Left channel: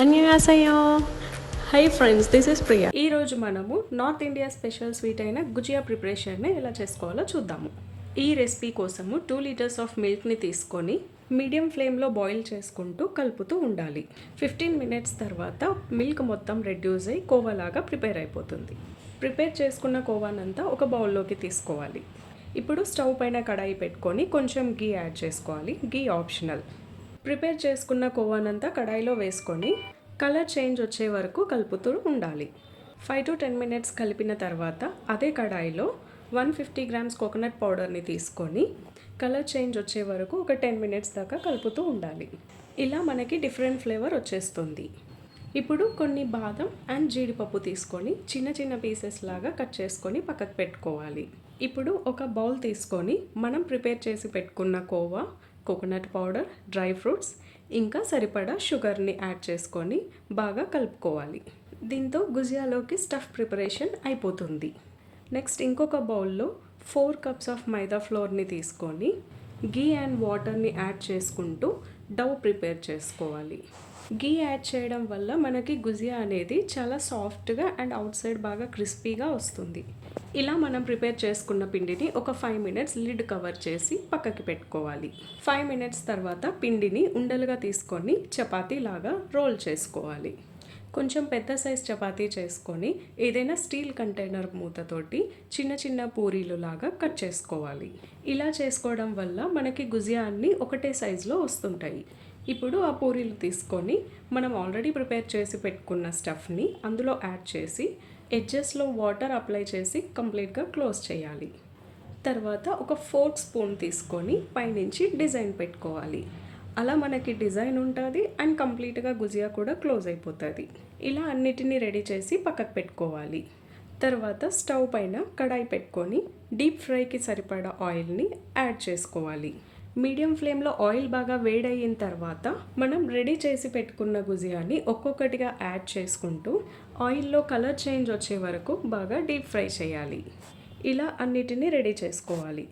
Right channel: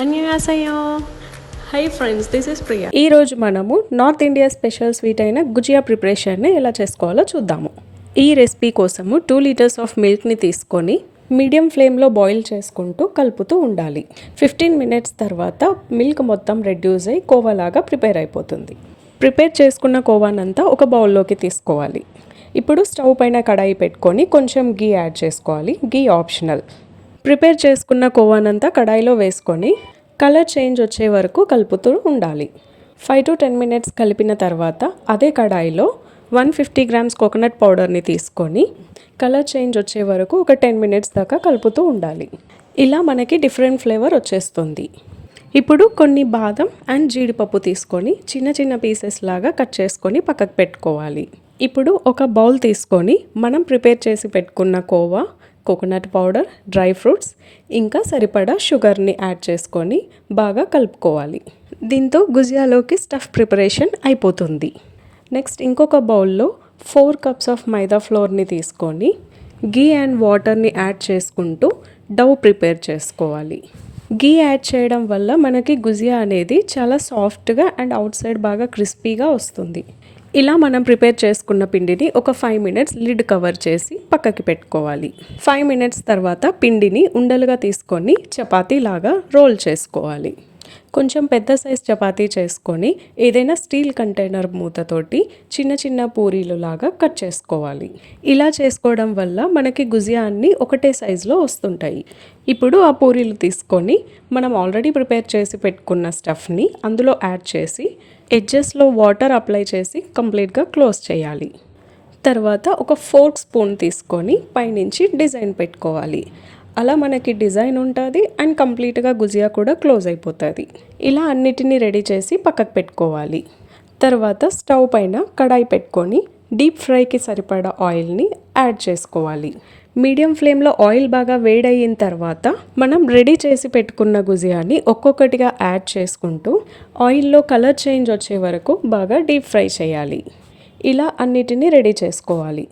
అన్యవాసయ్యో. Hi friends, this is Priya. ఈరోజు మనము north India special sweet అయిన గుజియా ప్రిపరేషన్ని ఎలా చేసుకోవాలో చూద్దాము. ఈ రెసిపీ కోసము 2 లీటర్స్ ఆఫ్ మిల్క్ని తీసుకొని మీడియం ఫ్లేమ్లో బాయిల్ చేసుకుంటూ కలుపుతూ ఉండాలి. 15 మినిట్స్ తర్వాత మిల్క్ మొత్తం రెడ్యూస్ అయ్యి కోవాలాగా ప్రిపేర్ అయిపోతుంది. ప్రిపేర్ చేసుకున్న కోవానంతా ఒక బౌల్లోకి తీసుకోవాలి. ఇప్పుడు స్టవ్ పైన కడాయి పెట్టుకొని కొంచెం గీ యాడ్ చేసుకోవాలి. గీ ఆప్షనల్. ప్రిపేర్ చేసుకున్న కోవానంతా కడాయిలో వేసుకొని కలర్ చేంజ్ వచ్చే వరకు కలుపుతూ ఉండాలి. 5 to 10 మినిట్స్ కలిపిన తర్వాత అదే కడాయిలో 150 గ్రామ్స్ కోకోనట్ పౌడర్ని తీసుకొని కలర్ చేంజ్ వచ్చే వరకు ఒక 10 మినిట్స్ దాకా కలుపుతూ ఉండాలి. ఇలా మనకి డిఫరెంట్ ఫ్లేవర్ వచ్చేస్తుంది. ఇప్పుడు కొన్ని బాదం అండ్ జీడిపప్పు తీసుకొని చిన్న చిన్న పీసెస్ లాగా కట్ చేసుకొని పక్కకు పెట్టుకోవాలి. ఇప్పుడు ఒక బౌల్ తీసుకొని మనం ప్రిపేర్ చేసి పెట్టుకున్న khoa, coconut powder, dry fruits ఇంకా సరిపడా షుగర్ని యాడ్ చేసుకొని బాగా కలుపుకోవాలి. దీంతో గుజియాలోకి స్టఫ్ ప్రిపరేషన్ అయిపోతుంది. నెక్స్ట్ ఇంకొక బౌల్లో 4 కప్స్ ఆఫ్ మైదా ఫ్లోర్ని తీసుకొని గీ అండ్ వాటర్ని యాడ్ చేసుకుంటూ డౌ ప్రిపేర్ చేసుకోవాలి. గీ యాడ్ చేయడం వల్ల మనకి గుజియా అనేది చాలా సాఫ్ట్గా అండ్ అవుట్ సైడ్ బాగా క్రిస్పీగా వస్తుంది. ఇలా మనం ప్రిపేర్ చేసుకున్న పిండిని ఒక 5 మినిట్స్ లిడ్ కవర్ చేసి పక్కకి పెట్టుకోవాలి. 5 మినిట్స్ తర్వాత పిండిని ఉండలుగా తీసుకొని చపాతీ లాగా రోల్ చేసుకోవాలి. కొంచెం పెద్ద సైజ్ చపాతీ చేసుకొని ఏదైనా స్టీల్ కంటైనర్ మూతతోటి చిన్న చిన్న పూరీలు లాగా కట్ చేసుకోవాలి. ఇలా చేసుకోవడం వల్ల మనకి గుజియా అన్నీ ఒకటే సైజులో వస్తుంటాయి. ఇప్పుడు ఆ పూరీలు తీసుకొని మనం ఆల్రెడీ ప్రిపేర్ చేసి పెట్టుకున్న స్టఫ్ని అందులో యాడ్ చేసి ఎడ్జెస్లో వాటర్ అప్లై చేసి కంప్లీట్గా క్లోజ్ చేయాలి. తర్వాత ఒక ఫోర్క్ స్పూన్ తీసుకొని పైనుంచి డిజైన్ పెట్టుకోవాలి. అలా మనకి డిజైన్ ఉంటుంది అండ్ కంప్లీట్గా గుజియా కూడా క్లోజ్ అయిపోతుంది. ఇలా అన్నిటినీ రెడీ చేసి పక్కకు పెట్టుకోవాలి. తర్వాత స్టవ్ పైన కడాయి పెట్టుకొని డీప్ ఫ్రైకి సరిపడా ఆయిల్ని యాడ్ చేసుకోవాలి. మీడియం ఫ్లేమ్లో ఆయిల్ బాగా వేడయిన తర్వాత మనం రెడీ చేసి పెట్టుకున్న గుజియాని ఒక్కొక్కటిగా యాడ్ చేసుకుంటూ ఆయిల్లో కలర్ చేంజ్ వచ్చే వరకు బాగా డీప్ ఫ్రై చేయాలి. ఇలా అన్నిటినీ రెడీ చేసుకోవాలి.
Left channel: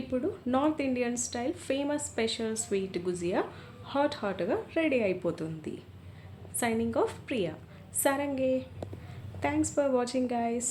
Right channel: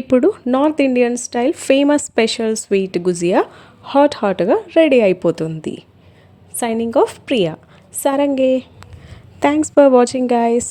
ఇప్పుడు north Indian style famous special sweet gujiya హాట్గా రెడీ అయిపోతుంది. Signing off Priya. సారంగే. Thanks for watching guys.